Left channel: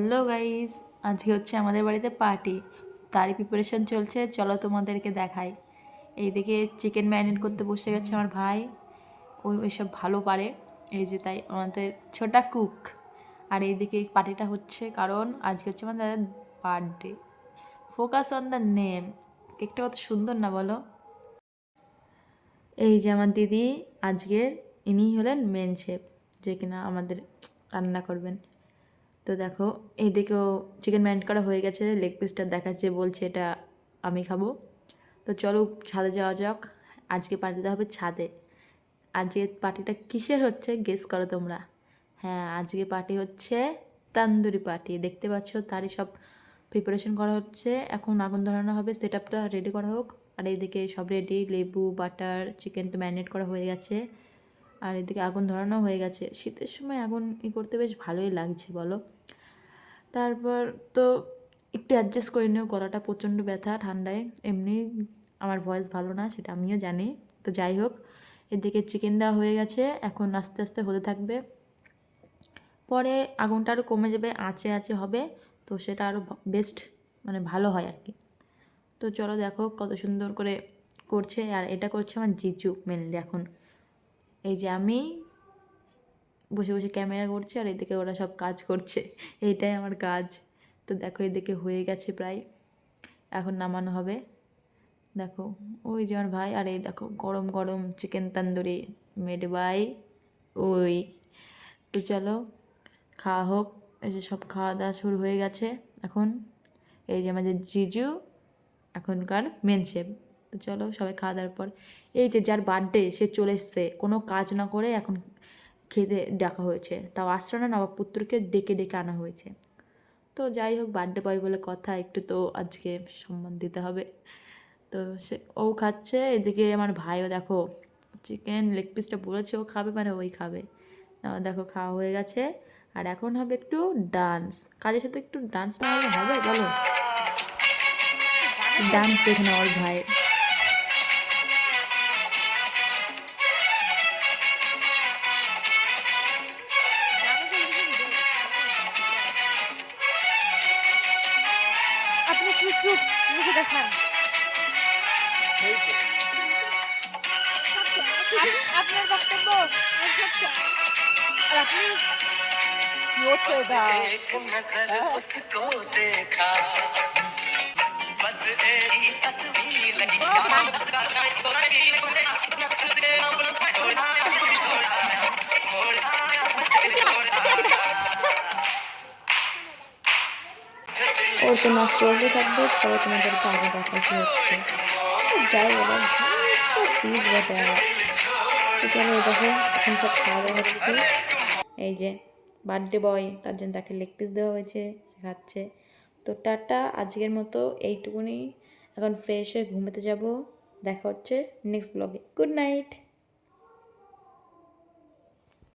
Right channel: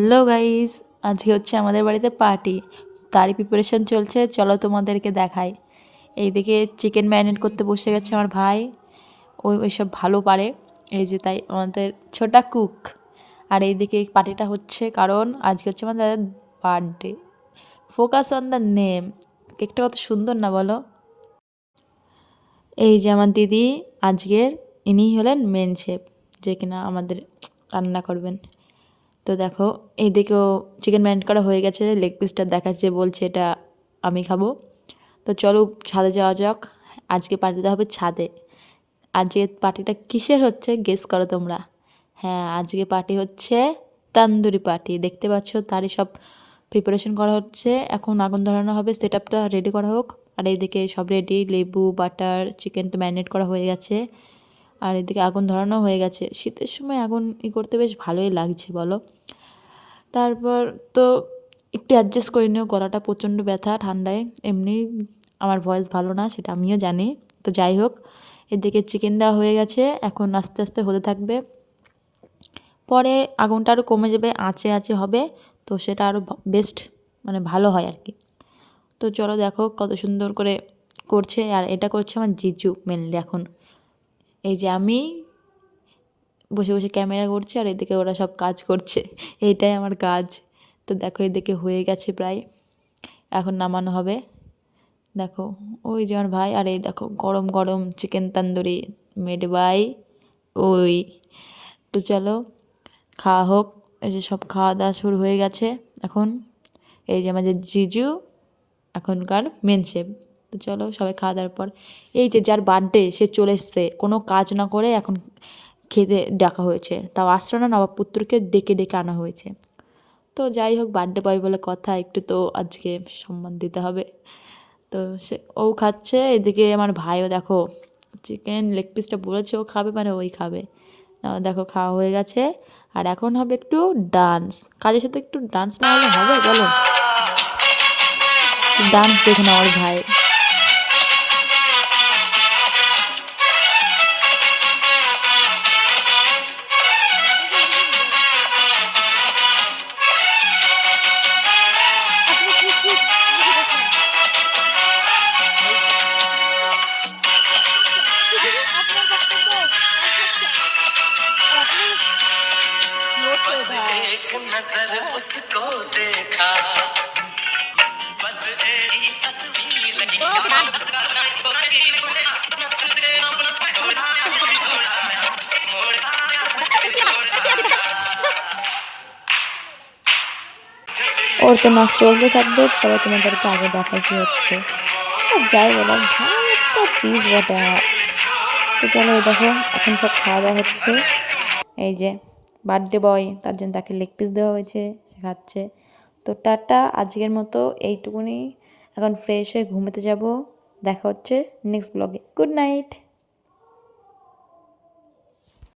Hello guys, আজকে হচ্ছে আমাদের বাড়িতে পার্টি। তারই প্রিপারেশন চলছে, চলো তোমাদেরকে দেখাই। এইদিকে চিকেন ম্যারিনেট করতে বসে গেছে আমার ভাই। ওইসব ভালো পারে, এই যে তাই আমাদের ছোটা কুক। আর এইদিকে পার্টিটা হচ্ছে কারণ আজকে হচ্ছে আমাদের birthday. Focus on the name. কেকটা কত সুন্দর না বলো? এই যে আমার দিদি আজকের, ইনি হলেন মেন শেফ, যে কিনা আমাদের রান্না করবেন। তো দেখো এইদিকেও চিকেন ম্যারিনেট করা হয়ে গেছে, লেগ পিসটা দেখাচ্ছে, বলছে এটা আমি খাবো। তো চলো ছাদে যাওয়া যাক। আজকে পার্টিটা হবে ছাদে। আজকে পার্টিটা কিসের হচ্ছে গেস করো তোমরা? হ্যাঁ, আজকে পার্টি হচ্ছে তান্দুরি পার্টি। দেখতে পাচ্ছ তারই সব প্রিপারেশন করা হচ্ছে। এখন আগুন ধরানো হবে, সেট আপটা রেডি করা হোক। আর এইদিকে সব রেডি, লেবু, বাটার, চিকেনটা ম্যারিনেট করা হয়ে গেছে। আর এদিকে আগুন ধরানো হয়ে গেছে। শীতের সময় আগুন করতে বেশ ভালোই লাগছে বলো। তারপর তো একটু অ্যাডজাস্ট করে নিও, গলাটা প্রচণ্ড ব্যথা ঠান্ডায়। এমনি আমার ভয়েস ভালো না, সেটা আমিও জানি। তো যাই হোক, এদিকে চিকেন দেওয়া হয়ে গেছে, এখন আস্তে আস্তে হতে থাকবে। পরে আগুনটা আরও কমে যাবে, আঁচে আঁচে হবে, তো সেটা আরও বেস্ট, মানে ভালো হয় আর কি। তো চলো দেখো কত সুন্দর করে করছে। আর এটা করছে আমার জিজু মেনলি এখন। এই যে আমি বসে বসে ক্যামেরা করছি আর এদিকে ওরা সব কাজ করছে, এইটাই আমার কাজ। তো দেখো এদিকে হয়ে গেছে প্রায়, এখন নামানো হবে। দেখো ওই যে আমার ভাই, আর এই দেখো গরম গরম চিকেন তন্দুরি মেড বাই ওই। তো চলো খাওয়া হোক। এই যে সব খাওয়া দাওয়া শুরু হয়ে গেছে এখন। এই যে আমাদের জিজু এখনকার মেন শেফ। তো চলো সবাই খাওয়া দাওয়ার পর, এই যে যার বার্থডে সে চলে এসছে, কোনো কাজ না করে এখন খেতে ডাকা হয়েছে, তাও আসলো না, নবাবপুত্রকে ডেকে ডেকে আনা হয়েছে। তো যাই হোক, বার্থডে বয় বলে কথা, একটু তো আজকে সম্মান দিতে হবে। তো সে ও খাচ্ছে, এদিকে আমার ভাইও দেখো চিকেন লেগ পিসটা বলেছে ও খাবে, মানে ওই খাবে। দেখো খাওয়া হয়ে গেছে। আর এখন হবে একটু ডান্স, কাজের সাথে একটু ডান্স না হলে হবে বলো? ডান্স দেখে না আমার ভাই। আপনার বক্তব্য আপনি কি হচ্ছে এটা? एक नजर उसको देखा बस तेरी तस्वीर लगी ওর তো নাচ চলতে থাকবে, চলো তোমাদেরকে আগে দেখা কি হচ্ছে। আর যাই বলো, ভাই একটা চিজ বটে আমার। তো চলো এই দেখো এখন সব খাওয়া দাওয়া হচ্ছে। এই যে বার্থডে বয়, তার জন্য তাকে লেগ পিস দেওয়া হয়েছে, সে খাচ্ছে। তো টাটা, আজকের মতো এইটুকুনি। এখন ফ্রেশ হয়ে ঘুমোতে যাব। দেখা হচ্ছে নেক্সট ব্লগে। Good night.